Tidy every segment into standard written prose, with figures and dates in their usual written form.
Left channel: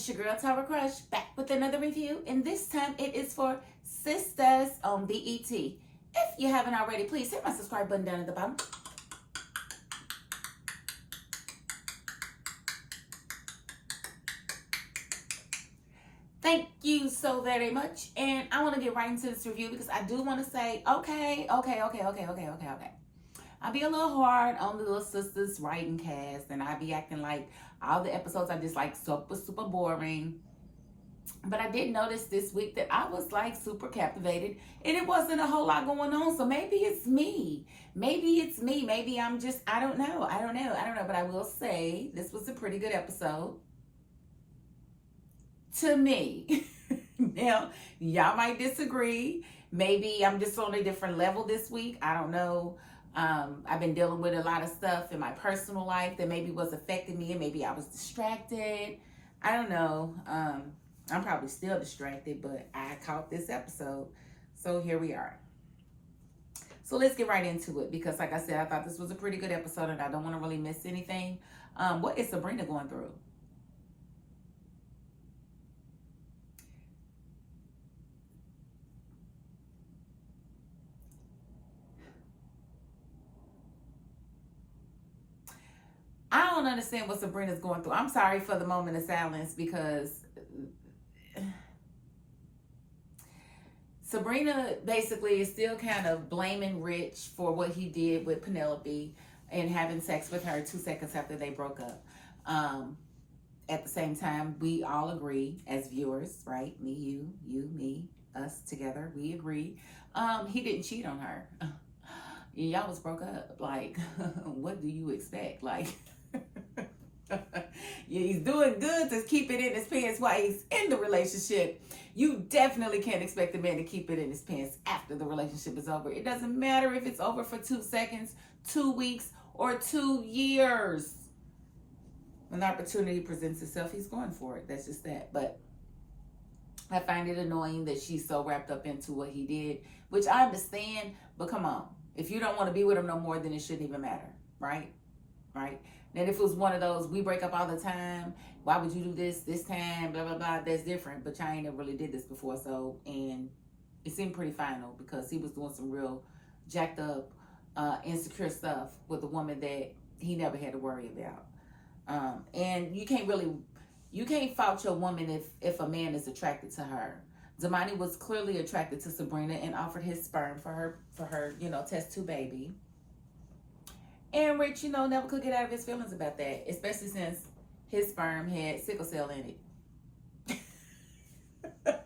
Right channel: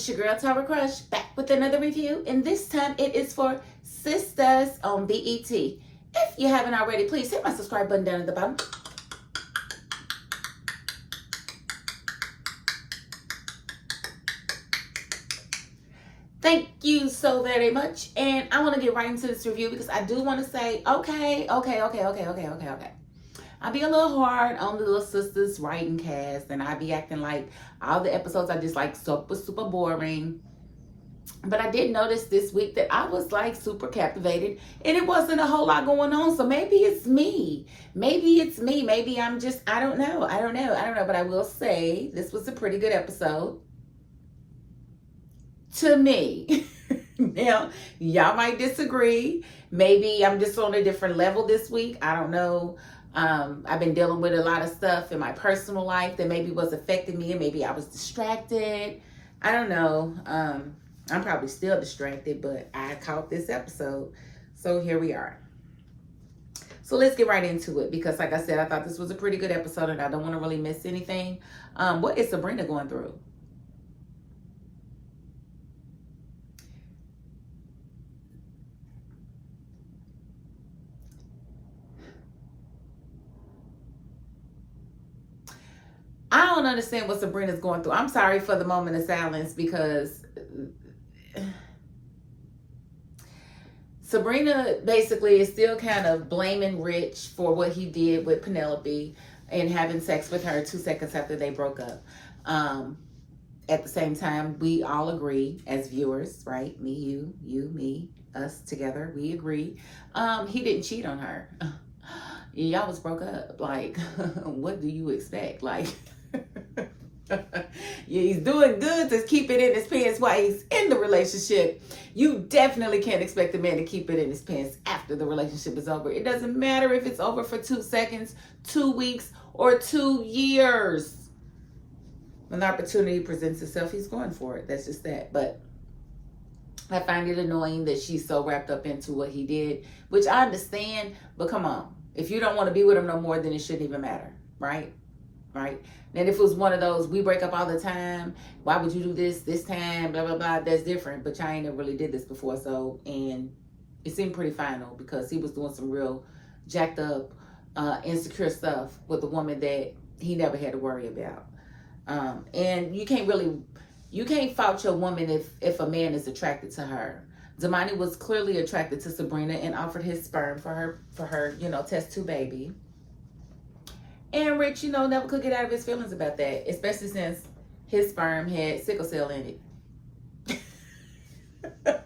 it's your girl Tower Crush back with another review, and this time it is for Sistas on BET. If you haven't already, please hit my subscribe button down at the bottom. Thank you so very much, and I want to get right into this review because I do want to say, okay. I'll be a little hard on the little Sistas writing cast, and I'll be acting like all the episodes are just like super boring. But I did notice this week that I was like super captivated, and it wasn't a whole lot going on. So maybe it's me. Maybe I'm just, I don't know. But I will say this was a pretty good episode to me. Now, y'all might disagree. Maybe I'm just on a different level this week. I don't know. I've been dealing with a lot of stuff in my personal life that maybe was affecting me, and maybe I was distracted. I don't know. I'm probably still distracted, but I caught this episode. So here we are. So let's get right into it because, like I said, I thought this was a pretty good episode and I don't want to really miss anything. What is Sabrina going through? I don't understand what Sabrina's going through. I'm sorry for the moment of silence because Sabrina basically is still kind of blaming Rich for what he did with Penelope and having sex with her 2 seconds after they broke up. At the same time, we all agree as viewers, right? Me, you, me, us together, we agree. He didn't cheat on her. Y'all was broke up. Like, what do you expect? Like, yeah, he's doing good to keep it in his pants while he's in the relationship. You definitely can't expect a man to keep it in his pants after the relationship is over. It doesn't matter if it's over for 2 seconds, 2 weeks, or 2 years. When the opportunity presents itself, he's going for it. That's just that. But I find it annoying that she's so wrapped up into what he did, which I understand, but come on. If you don't want to be with him no more, then it shouldn't even matter, right? Right? And if it was one of those, we break up all the time, why would you do this time, blah, blah, blah, that's different. But y'all ain't never really did this before, so, and it seemed pretty final because he was doing some real jacked up, insecure stuff with a woman that he never had to worry about. And you can't fault your woman if a man is attracted to her. Damani was clearly attracted to Sabrina and offered his sperm for her, test tube baby. And Rich, never could get out of his feelings about that, especially since his sperm had sickle cell in it.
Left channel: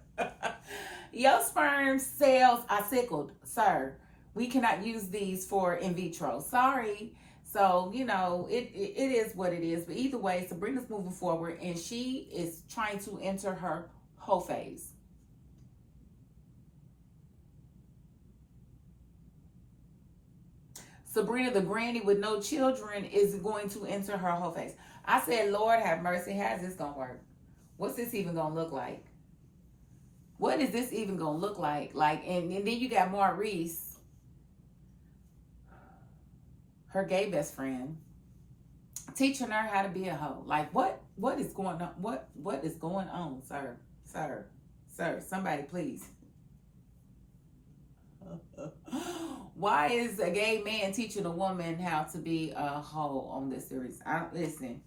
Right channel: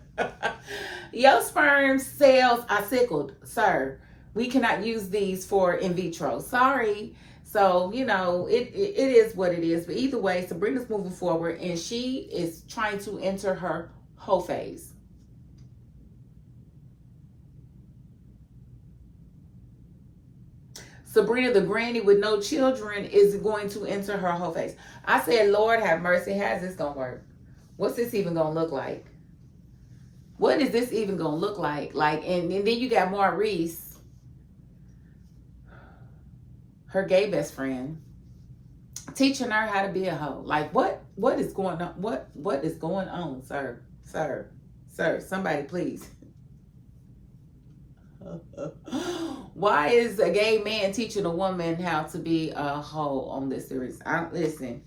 Your sperm cells are sickled, sir. We cannot use these for in vitro. Sorry. So, it is what it is. But either way, Sabrina's moving forward, and she is trying to enter her whole phase. Sabrina, the granny with no children, is going to enter her whole phase. I said, Lord have mercy. How's this going to work? What's this even going to look like? What is this even going to look like? And then you got Maurice, her gay best friend, teaching her how to be a hoe. Like, what is going on? What is going on, sir? Sir, somebody please. Why is a gay man teaching a woman how to be a hoe on this series? Listen.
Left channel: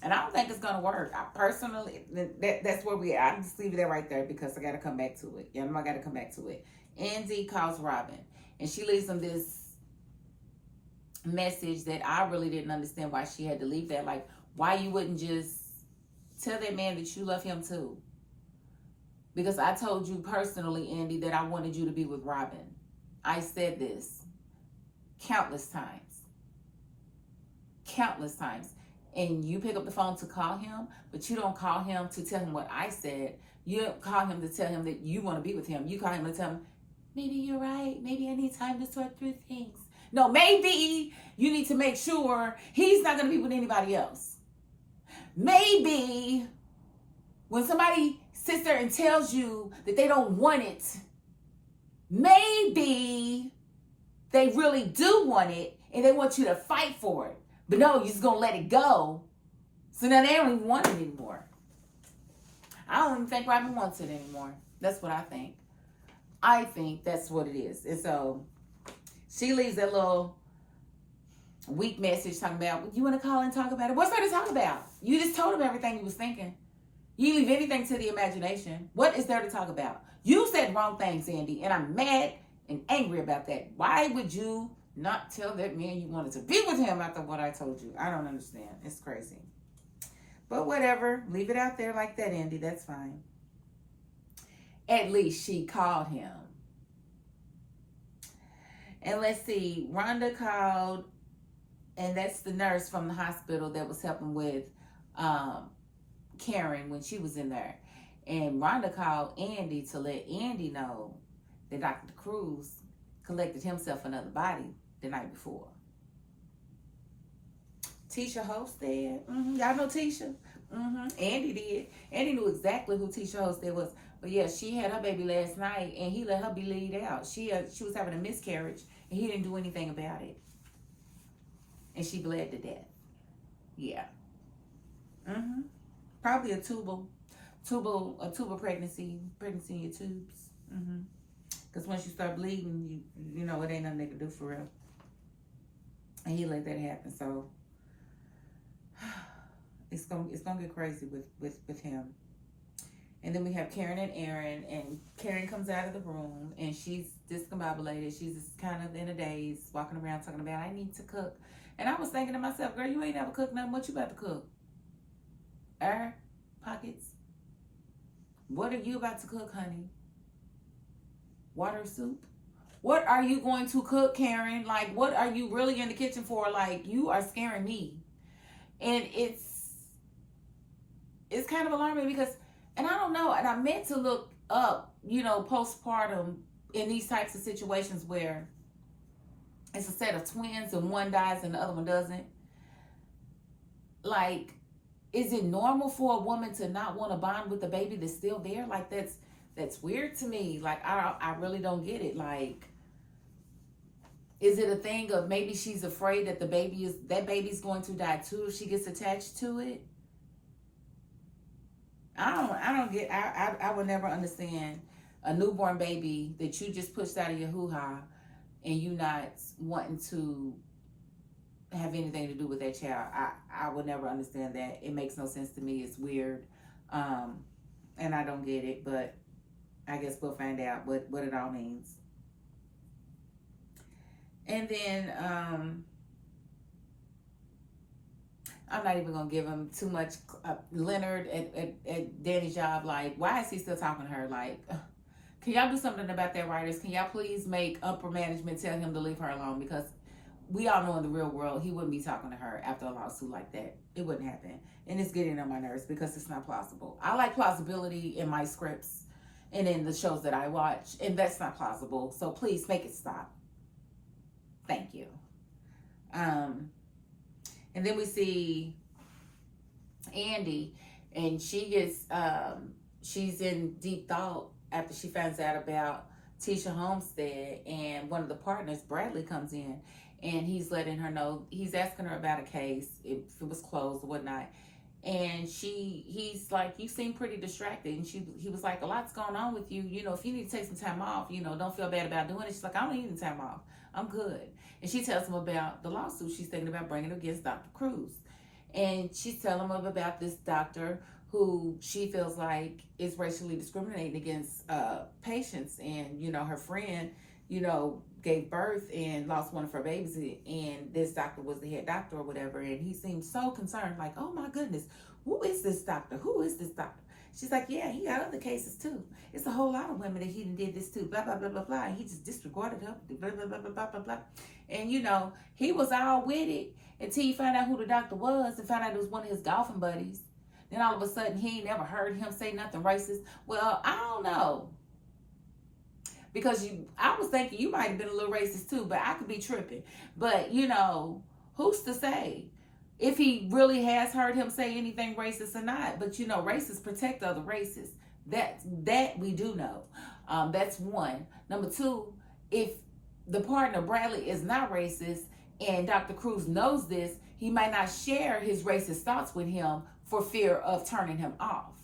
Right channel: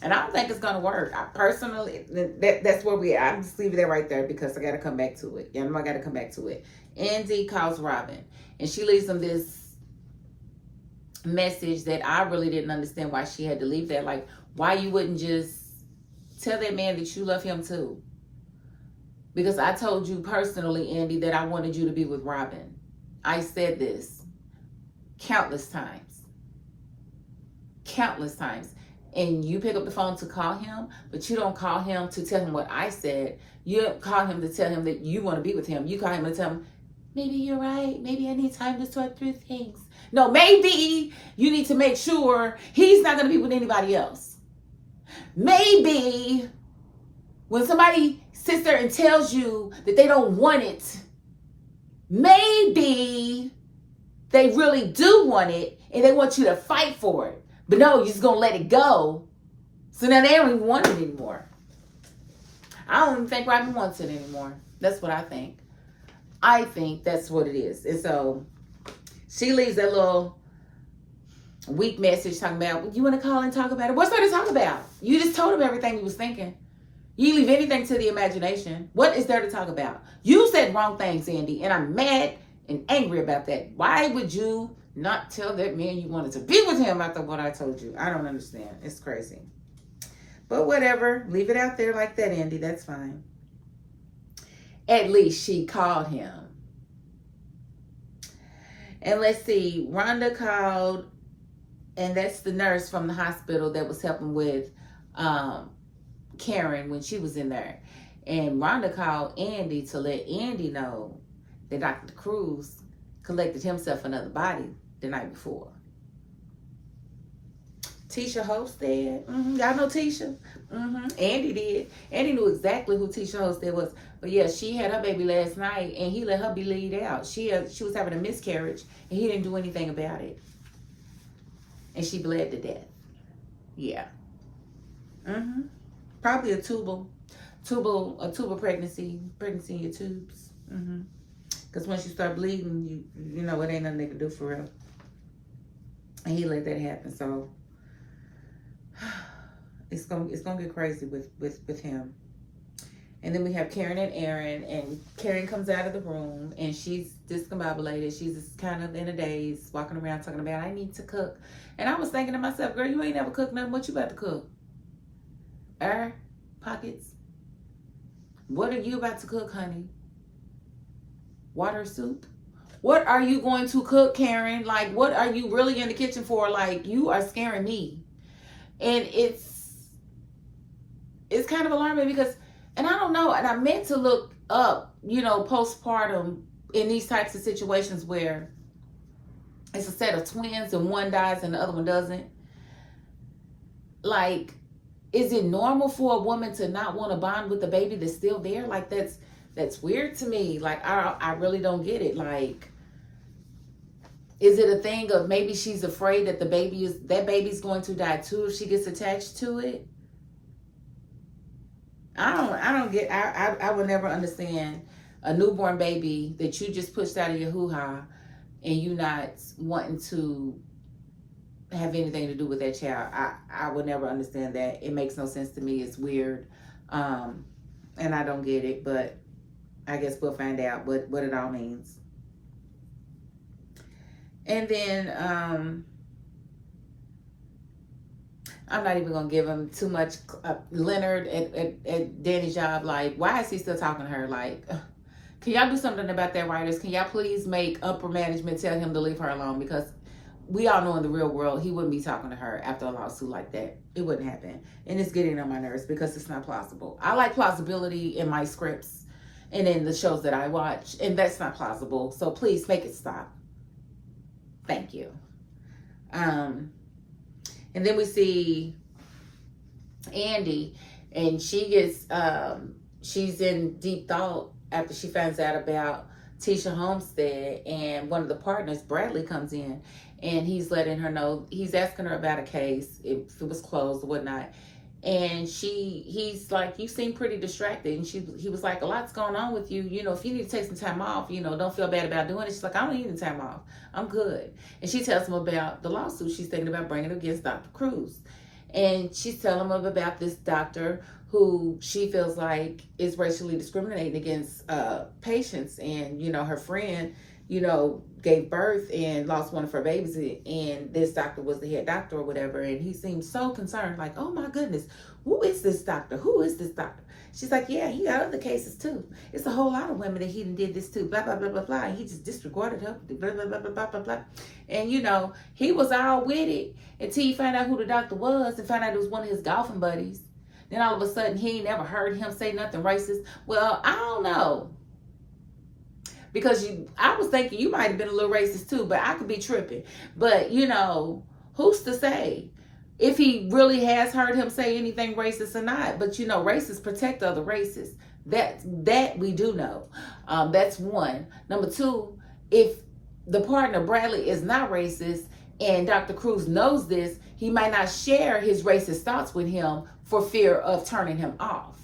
And I don't think it's gonna work. I personally, that's where we are. I'm just leaving that right there because I gotta come back to it. I gotta come back to it. Andy calls Robin, and she leaves him this message that I really didn't understand why she had to leave that. Like, why you wouldn't just tell that man that you love him too? Because I told you personally, Andy, that I wanted you to be with Robin. I said this countless times. And you pick up the phone to call him, but you don't call him to tell him what I said. You don't call him to tell him that you want to be with him. You call him to tell him, maybe you're right. Maybe I need time to sort through things. No, maybe you need to make sure he's not going to be with anybody else. Maybe when somebody sits there and tells you that they don't want it, maybe they really do want it and they want you to fight for it. But no, you're just going to let it go So now they don't even want it anymore. I don't even think Robin wants it anymore. That's what I think. I think that's what it is. And so she leaves that little weak message talking about, you want to call and talk about it? What's there to talk about? You just told him everything you was thinking. You leave anything to the imagination. What is there to talk about? You said wrong things, Andy, and I'm mad and angry about that. Why would you not tell that man you wanted to be with him after what I told you? I don't understand. It's crazy. But whatever. Leave it out there like that, Andy. That's fine. At least she called him. And let's see. Rhonda called, and that's the nurse from the hospital that was helping with Karen when she was in there. And Rhonda called Andy to let Andy know that Dr. Cruz collected himself another body the night before. Tisha Hosted. Y'all know Tisha? Andy did. Andy knew exactly who Tisha Hosted was. But yeah, she had her baby last night, and he let her be laid out. She was having a miscarriage, and he didn't do anything about it. And she bled to death. Yeah. Probably a tubal pregnancy in your tubes. Because once you start bleeding, you know it ain't nothing they can do for real. And he let that happen. So it's gonna get crazy with him. And then we have Karen and Aaron, and Karen comes out of the room, and she's discombobulated. She's just kind of in a daze, walking around talking about, I need to cook. And I was thinking to myself, girl, you ain't never cooked nothing. What you about to cook? Air pockets? What are you about to cook, honey? Water soup? What are you going to cook, Karen? Like, what are you really in the kitchen for? Like, you are scaring me. And it's kind of alarming because, and I don't know, and I meant to look up, postpartum in these types of situations where it's a set of twins and one dies and the other one doesn't. Like, is it normal for a woman to not want to bond with the baby that's still there? Like, that's weird to me. Like, I really don't get it. Like, is it a thing of maybe she's afraid that that baby's going to die too if she gets attached to it? I would never understand a newborn baby that you just pushed out of your hoo-ha and you not wanting to have anything to do with that child. I would never understand that. It makes no sense to me. It's weird. And I don't get it, but I guess we'll find out what it all means. And then I'm not even going to give him too much. Leonard at Danny's job, like, why is he still talking to her? Like, can y'all do something about that, writers? Can y'all please make upper management tell him to leave her alone? Because we all know in the real world, he wouldn't be talking to her after a lawsuit like that. It wouldn't happen. And it's getting on my nerves because it's not plausible. I like plausibility in my scripts and in the shows that I watch, and that's not plausible. So please make it stop. Thank you. And then we see Andy, and she gets, she's in deep thought after she finds out about Tisha Homestead, and one of the partners, Bradley, comes in, and he's letting her know, he's asking her about a case, if it was closed or whatnot. And he's like, you seem pretty distracted. And he was like, a lot's going on with you. If you need to take some time off, don't feel bad about doing it. She's like, I don't need any time off. I'm good. And she tells him about the lawsuit she's thinking about bringing against Dr. Cruz. And she's telling him about this doctor who she feels like is racially discriminating against patients. And, her friend, gave birth and lost one of her babies, and this doctor was the head doctor or whatever, and he seemed so concerned, like, oh my goodness, who is this doctor? She's like, yeah, he got other cases too. It's a whole lot of women that he did this to, blah, blah, blah, blah, blah, and he just disregarded her, blah, blah, blah, blah, blah, blah, blah. And, he was all with it until he found out who the doctor was and found out it was one of his golfing buddies. Then all of a sudden, he ain't never heard him say nothing racist. Well, I don't know. Because I was thinking you might have been a little racist too, but I could be tripping. But, who's to say if he really has heard him say anything racist or not? But, racists protect other races. That we do know. That's one. Number two, if the partner, Bradley, is not racist and Dr. Cruz knows this, he might not share his racist thoughts with him for fear of turning him off.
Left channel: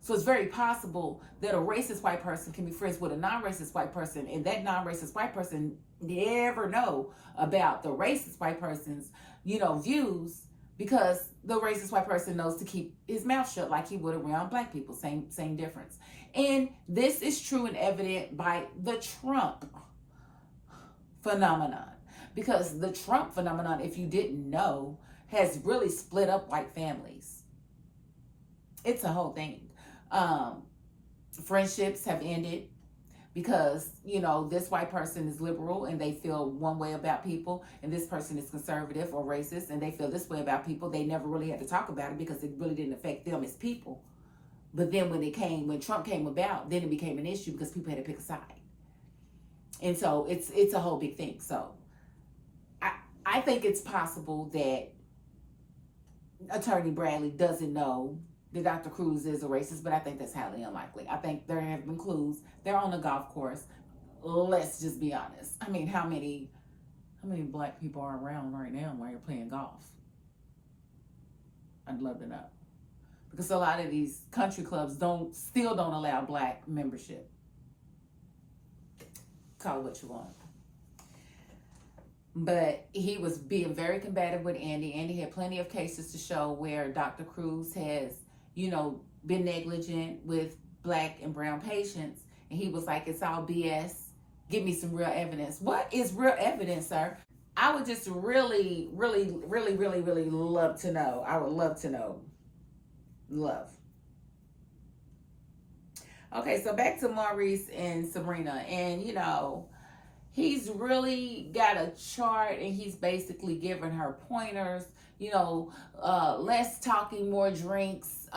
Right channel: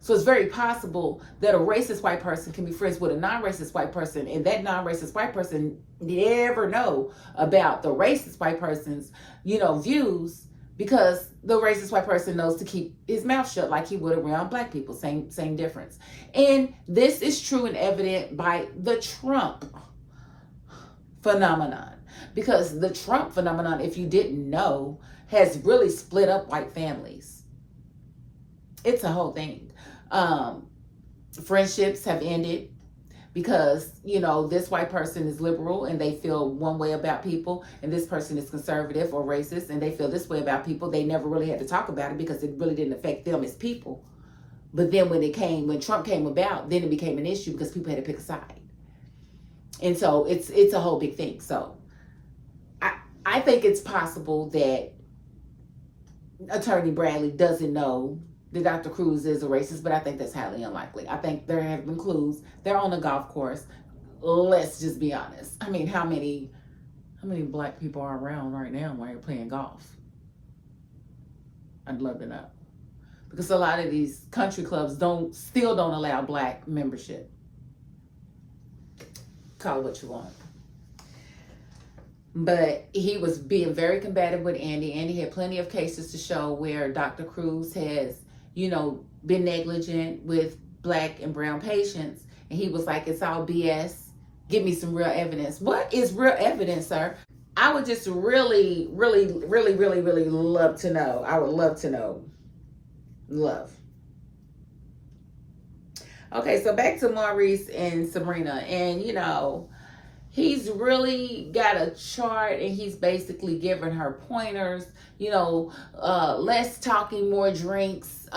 So it's very possible that a racist white person can be friends with a non-racist white person, and that non-racist white person never know about the racist white person's, views, because the racist white person knows to keep his mouth shut like he would around black people. Same difference. And this is true and evident by the Trump phenomenon. Because the Trump phenomenon, if you didn't know, has really split up white families. It's a whole thing. Friendships have ended because, this white person is liberal and they feel one way about people, and this person is conservative or racist and they feel this way about people. They never really had to talk about it because it really didn't affect them as people. But then when Trump came about, then it became an issue because people had to pick a side. And so it's a whole big thing. So I think it's possible that Attorney Bradley doesn't know that Dr. Cruz is a racist, but I think that's highly unlikely. I think there have been clues. They're on a golf course. Let's just be honest. I mean, how many black people are around right now while you're playing golf? I'd love to know. Because a lot of these country clubs still don't allow black membership. Call it what you want. But he was being very combative with Andy. Andy had plenty of cases to show where Dr. Cruz has, been negligent with black and brown patients. And he was like, it's all BS. Give me some real evidence. What is real evidence, sir? I would just really, really, really, really, really love to know. I would love to know. Love. Okay, so back to Maurice and Sabrina. And, he's really got a chart and he's basically giving her pointers, less talking, more drinks.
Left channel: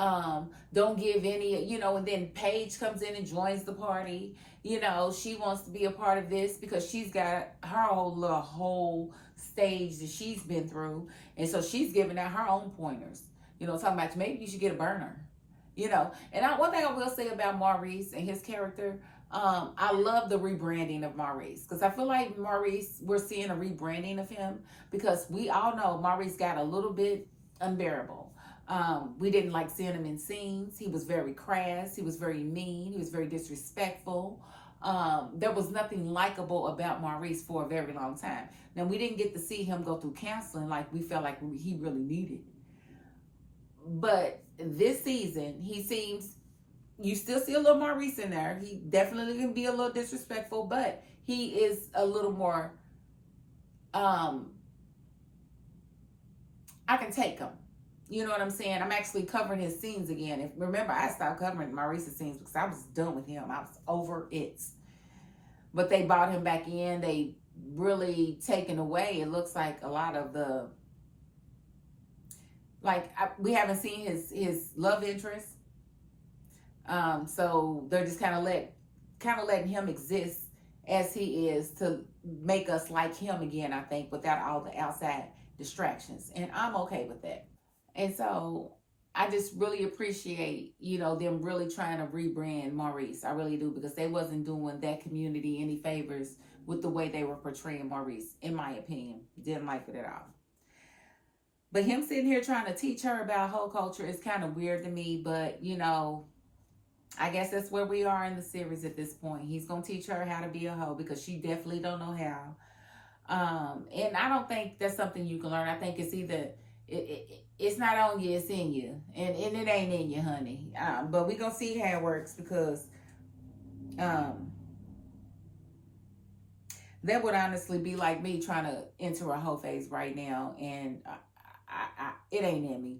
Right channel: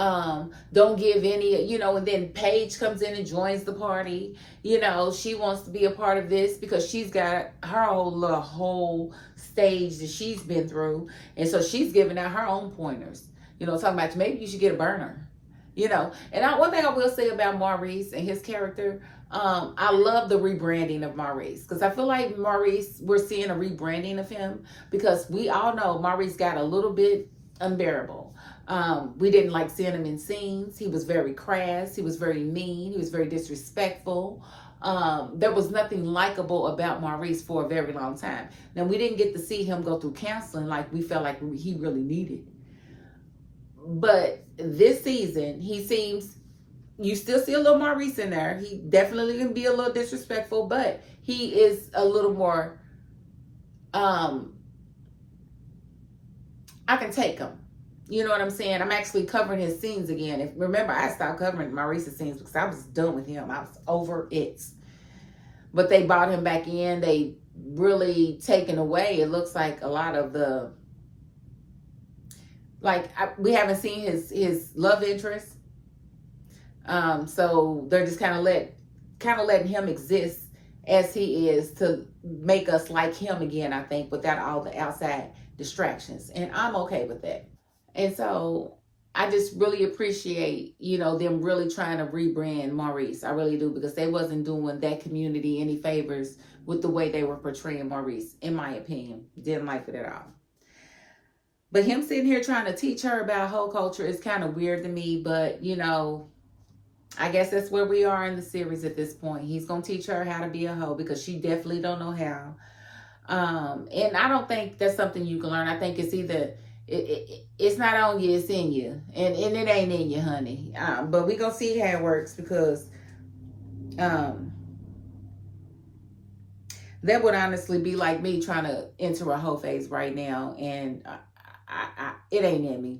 Don't give any, and then Paige comes in and joins the party. She wants to be a part of this because she's got her whole stage that she's been through. And so she's giving out her own pointers, talking about maybe you should get a burner, And one thing I will say about Maurice and his character, I love the rebranding of Maurice because I feel like Maurice, we're seeing a rebranding of him because we all know Maurice got a little bit unbearable. We didn't like seeing him in scenes. He was very crass. He was very mean. He was very disrespectful. There was nothing likable about Maurice for a very long time. Now, we didn't get to see him go through counseling like we felt like he really needed. But this season, you still see a little Maurice in there. He definitely can be a little disrespectful, but he is a little more, I can take him. You know what I'm saying? I'm actually covering his scenes again. Remember, I stopped covering Maurice's scenes because I was done with him. I was over it. But they brought him back in. They really taken away, it looks like, a lot of the, we haven't seen his love interest. So they're just kind of letting him exist as he is to make us like him again, I think, without all the outside distractions. And I'm okay with that. And so I just really appreciate, them really trying to rebrand Maurice. I really do, because they wasn't doing that community any favors with the way they were portraying Maurice, in my opinion. Didn't like it at all. But him sitting here trying to teach her about hoe culture is kind of weird to me, but, I guess that's where we are in the series at this point. He's going to teach her how to be a hoe because she definitely don't know how. And I don't think that's something you can learn. I think it's either, it's not on you, it's in you. And it ain't in you, honey. But we're going to see how it works because that would honestly be like me trying to enter a hoe phase right now. And it ain't in me.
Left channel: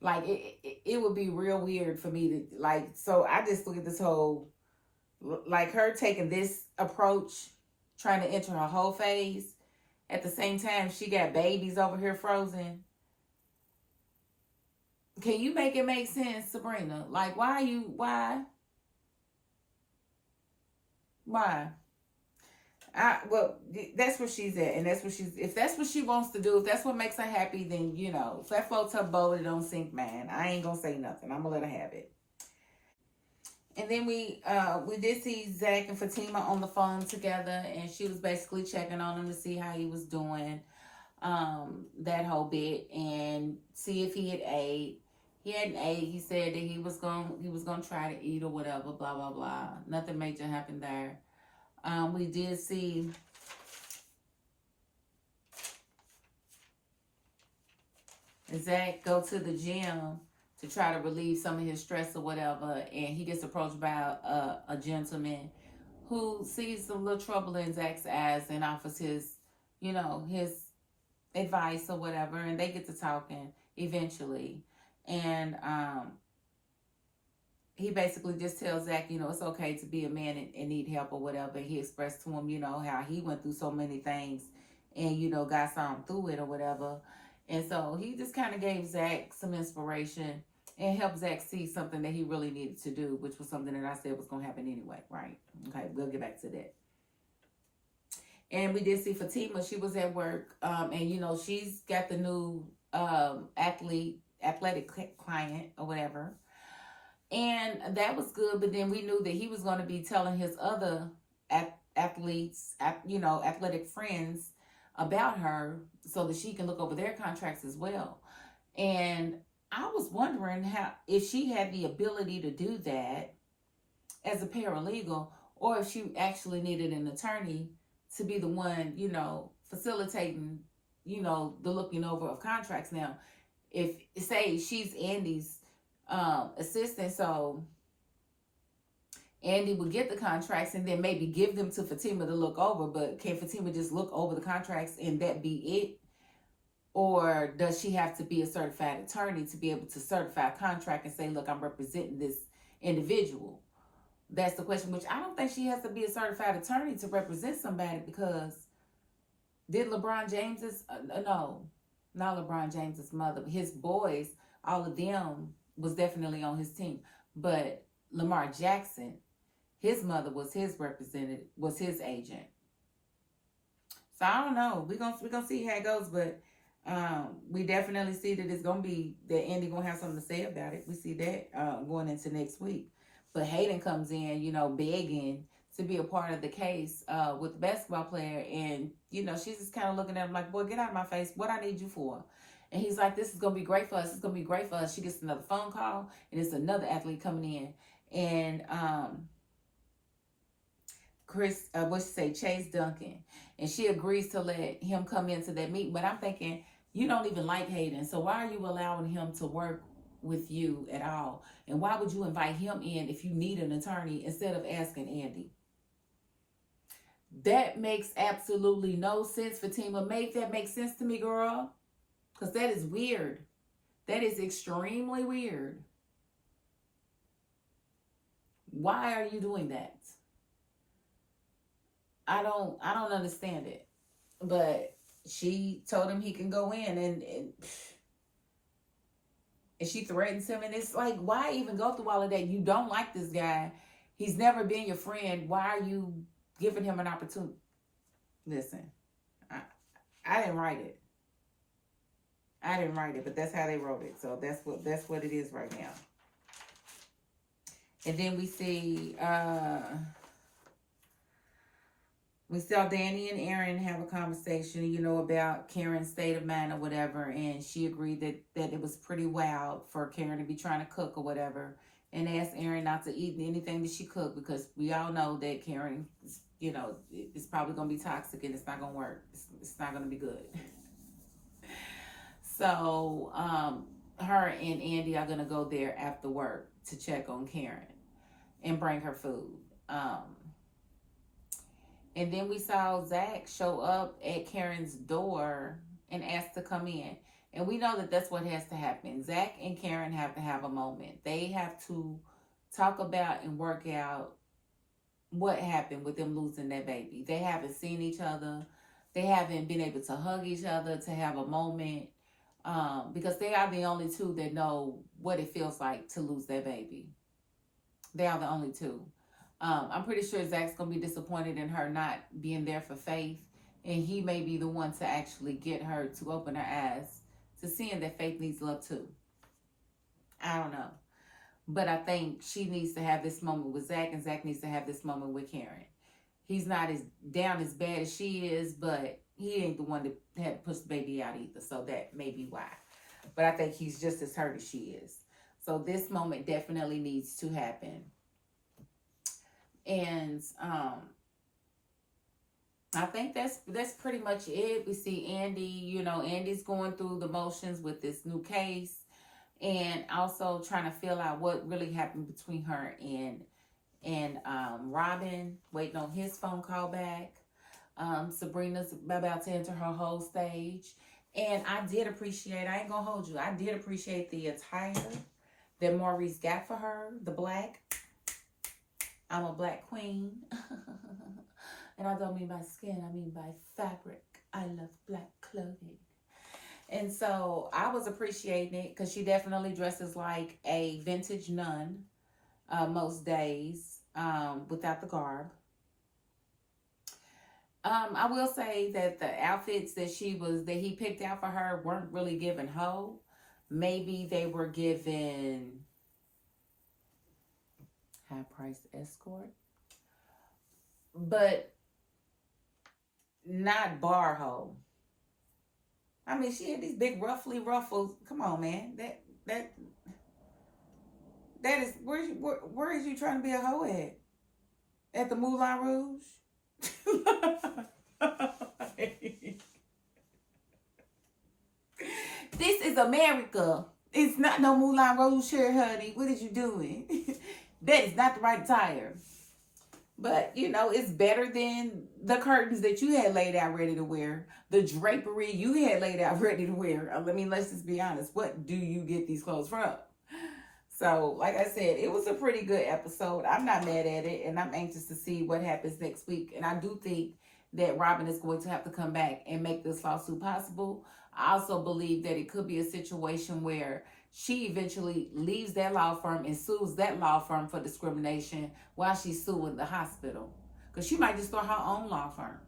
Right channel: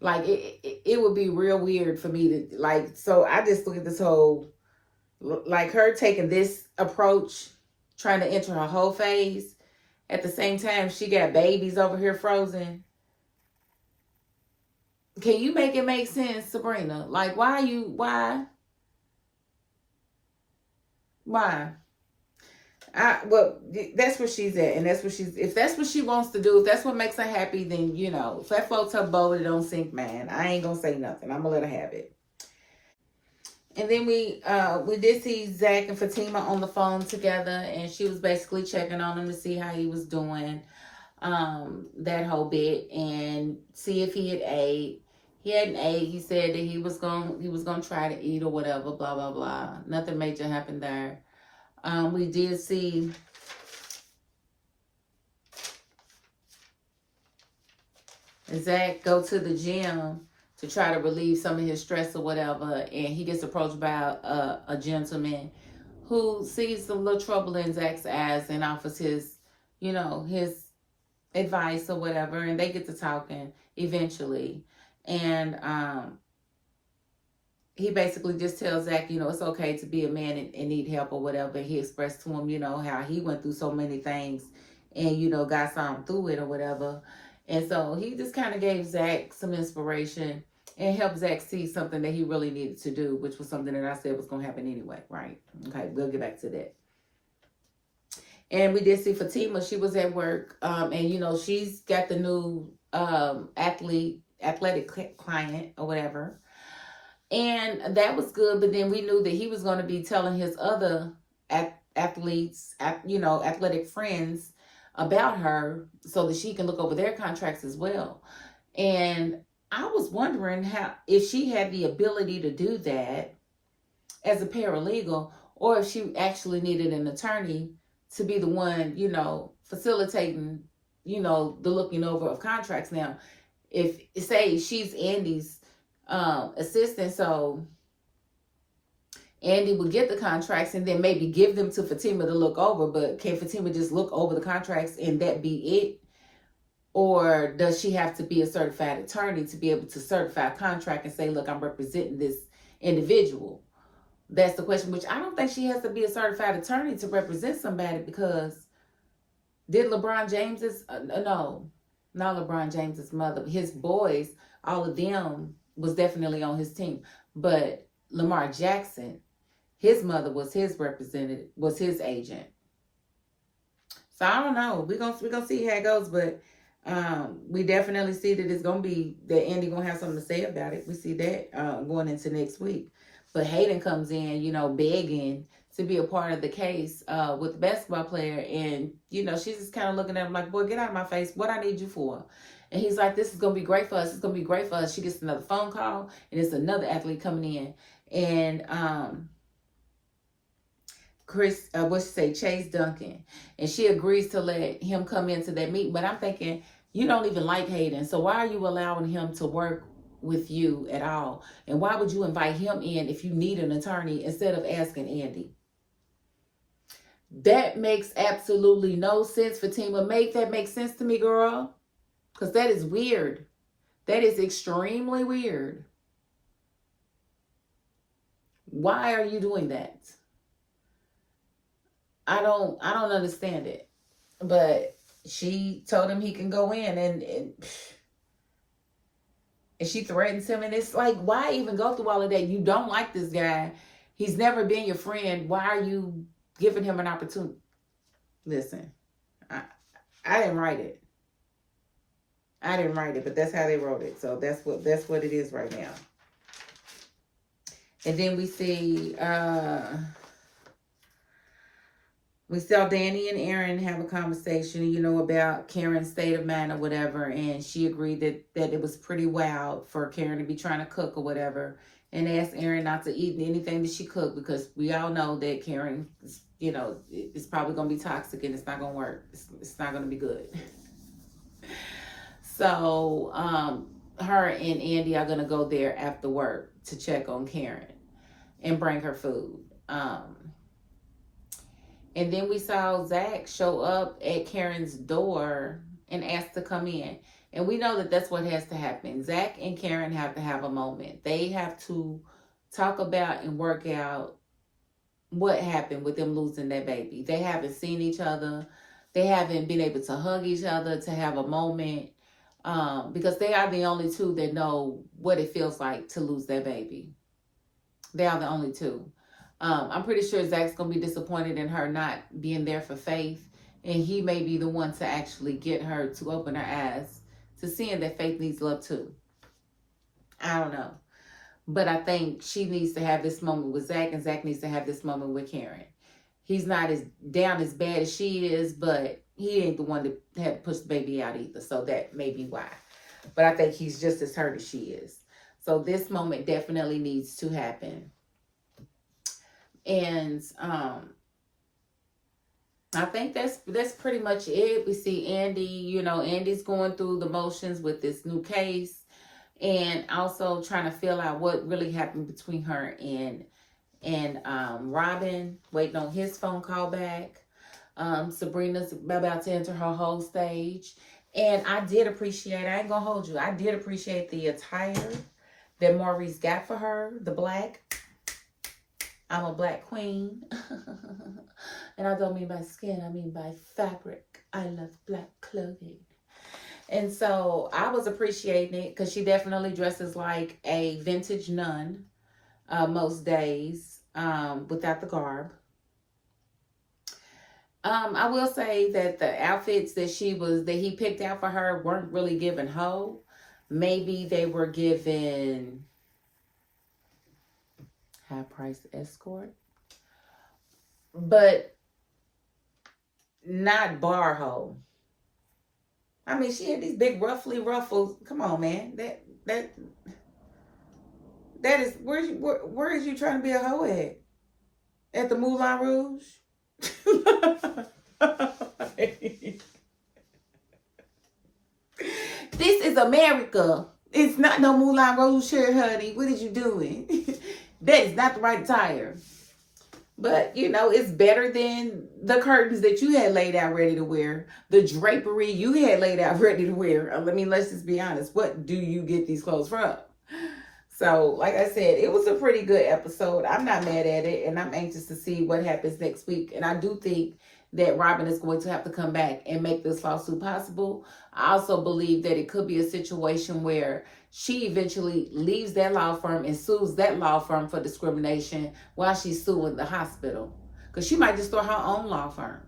Like, it would be real weird for me to, so I just look at this whole, her taking this approach, trying to enter her whole phase. At the same time, she got babies over here frozen. Can you make it make sense, Sabrina? Why? Well, that's where she's at, and if that's what she wants to do, if that's what makes her happy, then, if that floats her boat, it don't sink, man. I ain't gonna say nothing. I'm gonna let her have it. And then we did see Zach and Fatima on the phone together, and she was basically checking on him to see how he was doing, that whole bit, and see if he had ate. He hadn't ate. He said that he was gonna try to eat or whatever. Blah blah blah. Nothing major happened there. We did see Zach go to the gym to try to relieve some of his stress or whatever, and he gets approached by a gentleman who sees the little trouble in Zach's eyes and offers his advice or whatever, and they get to talking eventually. And he basically just tells Zach, it's okay to be a man and need help or whatever. He expressed to him, how he went through so many things and, got something through it or whatever. And so he just kind of gave Zach some inspiration and helped Zach see something that he really needed to do, which was something that I said was going to happen anyway, right? Okay, we'll get back to that. And we did see Fatima. She was at work, and, she's got the new athletic client or whatever. And that was good, but then we knew that he was going to be telling his other athletes, athletic friends about her so that she can look over their contracts as well. And I was wondering if she had the ability to do that as a paralegal, or if she actually needed an attorney to be the one, facilitating, the looking over of contracts. Now, if say she's Andy's assistant, so Andy would get the contracts and then maybe give them to Fatima to look over, but can Fatima just look over the contracts and that be it? Or does she have to be a certified attorney to be able to certify a contract and say, look, I'm representing this individual? That's the question, which I don't think she has to be a certified attorney to represent somebody, because did LeBron James's, no, not LeBron James's mother, but his boys, all of them was definitely on his team. But Lamar Jackson, his mother was his representative, was his agent. So I don't know. We're gonna see how it goes, but we definitely see that it's gonna be that Andy gonna have something to say about it. We see that going into next week. But Hayden comes in, begging to be a part of the case with the basketball player, and she's just kind of looking at him like, boy, get out of my face. What I need you for? And he's like, this is gonna be great for us. It's gonna be great for us. She gets another phone call, and it's another athlete coming in, and Chase Duncan, and she agrees to let him come into that meeting. But I'm thinking, you don't even like Hayden, so why are you allowing him to work with you at all? And why would you invite him in if you need an attorney instead of asking Andy? That makes absolutely no sense, Fatima. Make that make sense to me, girl, because that is weird. That is extremely weird. Why are you doing that? I don't understand it. But she told him he can go in, and she threatens him, and it's like, why even go through all of that? You don't like this guy. He's never been your friend. Why are you giving him an opportunity? Listen, I didn't write it. I didn't write it, but that's how they wrote it. So that's what it is right now. And then we saw Danny and Aaron have a conversation, about Karen's state of mind or whatever, and she agreed that it was pretty wild for Karen to be trying to cook or whatever, and asked Aaron not to eat anything that she cooked, because we all know that Karen, it's probably going to be toxic and it's not going to work. It's not going to be good. So her and Andy are going to go there after work to check on Karen and bring her food. And then we saw Zach show up at Karen's door and ask to come in. And we know that that's what has to happen. Zach and Karen have to have a moment. They have to talk about and work out what happened with them losing their baby. They haven't seen each other. They haven't been able to hug each other, to have a moment, because they are the only two that know what it feels like to lose their baby. They are the only two. I'm pretty sure Zach's going to be disappointed in her not being there for Faith. And he may be the one to actually get her to open her eyes to seeing that Faith needs love too. I don't know. But I think she needs to have this moment with Zach, and Zach needs to have this moment with Karen. He's not as down as bad as she is, but he ain't the one that had to push the baby out either. So that may be why. But I think he's just as hurt as she is. So this moment definitely needs to happen. And I think that's pretty much it. We see Andy, Andy's going through the motions with this new case, and also trying to fill out what really happened between her and Robin, waiting on his phone call back. Sabrina's about to enter her whole stage. And I ain't gonna hold you, I did appreciate the attire that Maurice got for her, the black. I'm a black queen. And I don't mean by skin, I mean by fabric. I love black clothing. And so I was appreciating it because she definitely dresses like a vintage nun most days without the garb. I will say that the outfits that he picked out for her weren't really given hoe. Maybe they were given high price escort, but not bar hoe. I mean, she had these big ruffly ruffles. Come on, man. That is where is you trying to be a hoe at? At the Moulin Rouge? This is America. It's not no Moulin Rouge here, honey. What is you doing? That is not the right attire. But, it's better than the curtains that you had laid out ready to wear. The drapery you had laid out ready to wear. I mean, let's just be honest. What do you get these clothes from? So, like I said, it was a pretty good episode. I'm not mad at it, and I'm anxious to see what happens next week. And I do think that Robin is going to have to come back and make this lawsuit possible. I also believe that it could be a situation where she eventually leaves that law firm and sues that law firm for discrimination while she's suing the hospital. Because she might just start her own law firm.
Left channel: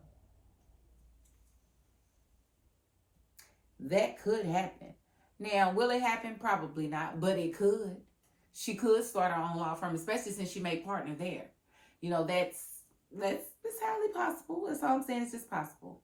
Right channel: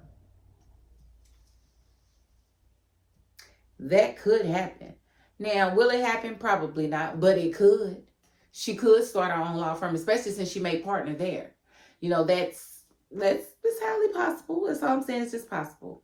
That could happen. Now, will it happen? Probably not, but it could. She could start her own law firm, especially since she made partner there. That's highly possible. That's all I'm saying. It's just possible.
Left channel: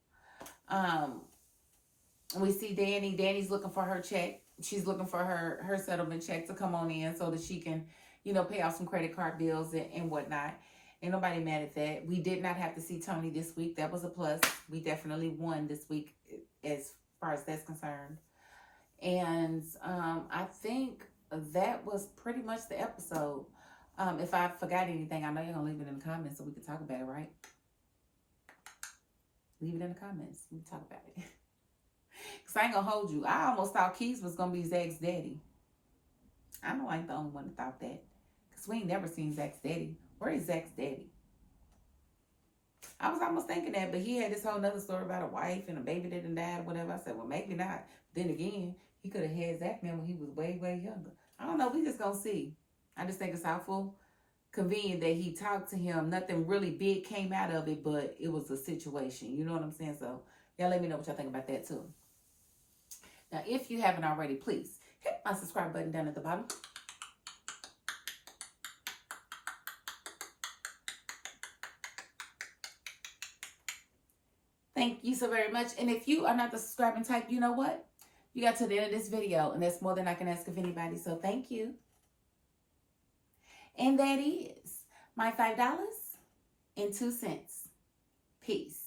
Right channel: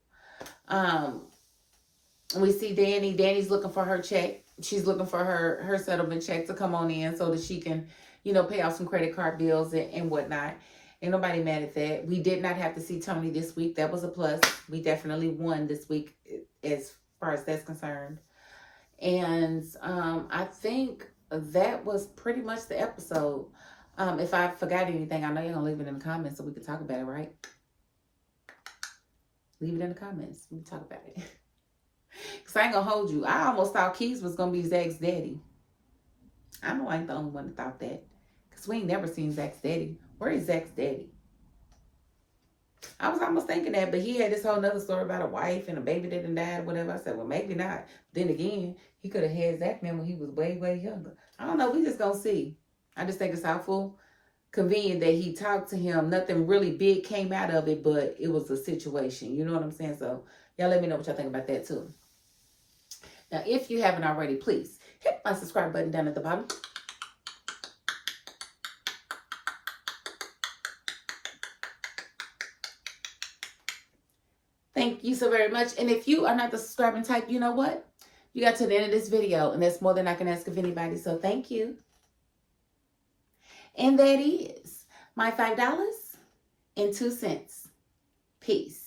We see Danny. Danny's looking for her check. She's looking for her settlement check to come on in so that she can, pay off some credit card bills and whatnot. Ain't nobody mad at that. We did not have to see Tony this week. That was a plus. We definitely won this week as far as that's concerned. And I think that was pretty much the episode. If I forgot anything, I know you're going to leave it in the comments so we can talk about it, right? Leave it in the comments. We can talk about it. Because I ain't going to hold you. I almost thought Keys was going to be Zach's daddy. I know I ain't the only one that thought that. Because we ain't never seen Zach's daddy. Where is Zach's daddy? I was almost thinking that, but he had this whole nother story about a wife and a baby that done died or whatever. I said, well, maybe not. Then again, he could have had Zach man when he was way, way younger. I don't know. We just going to see. I just think it's awful convenient that he talked to him. Nothing really big came out of it, but it was a situation. You know what I'm saying? So, y'all let me know what y'all think about that, too. Now, if you haven't already, please hit my subscribe button down at the bottom. Thank you so very much. And if you are not the subscribing type, you know what? You got to the end of this video, and that's more than I can ask of anybody. So thank you. And that is my $5.02. Peace.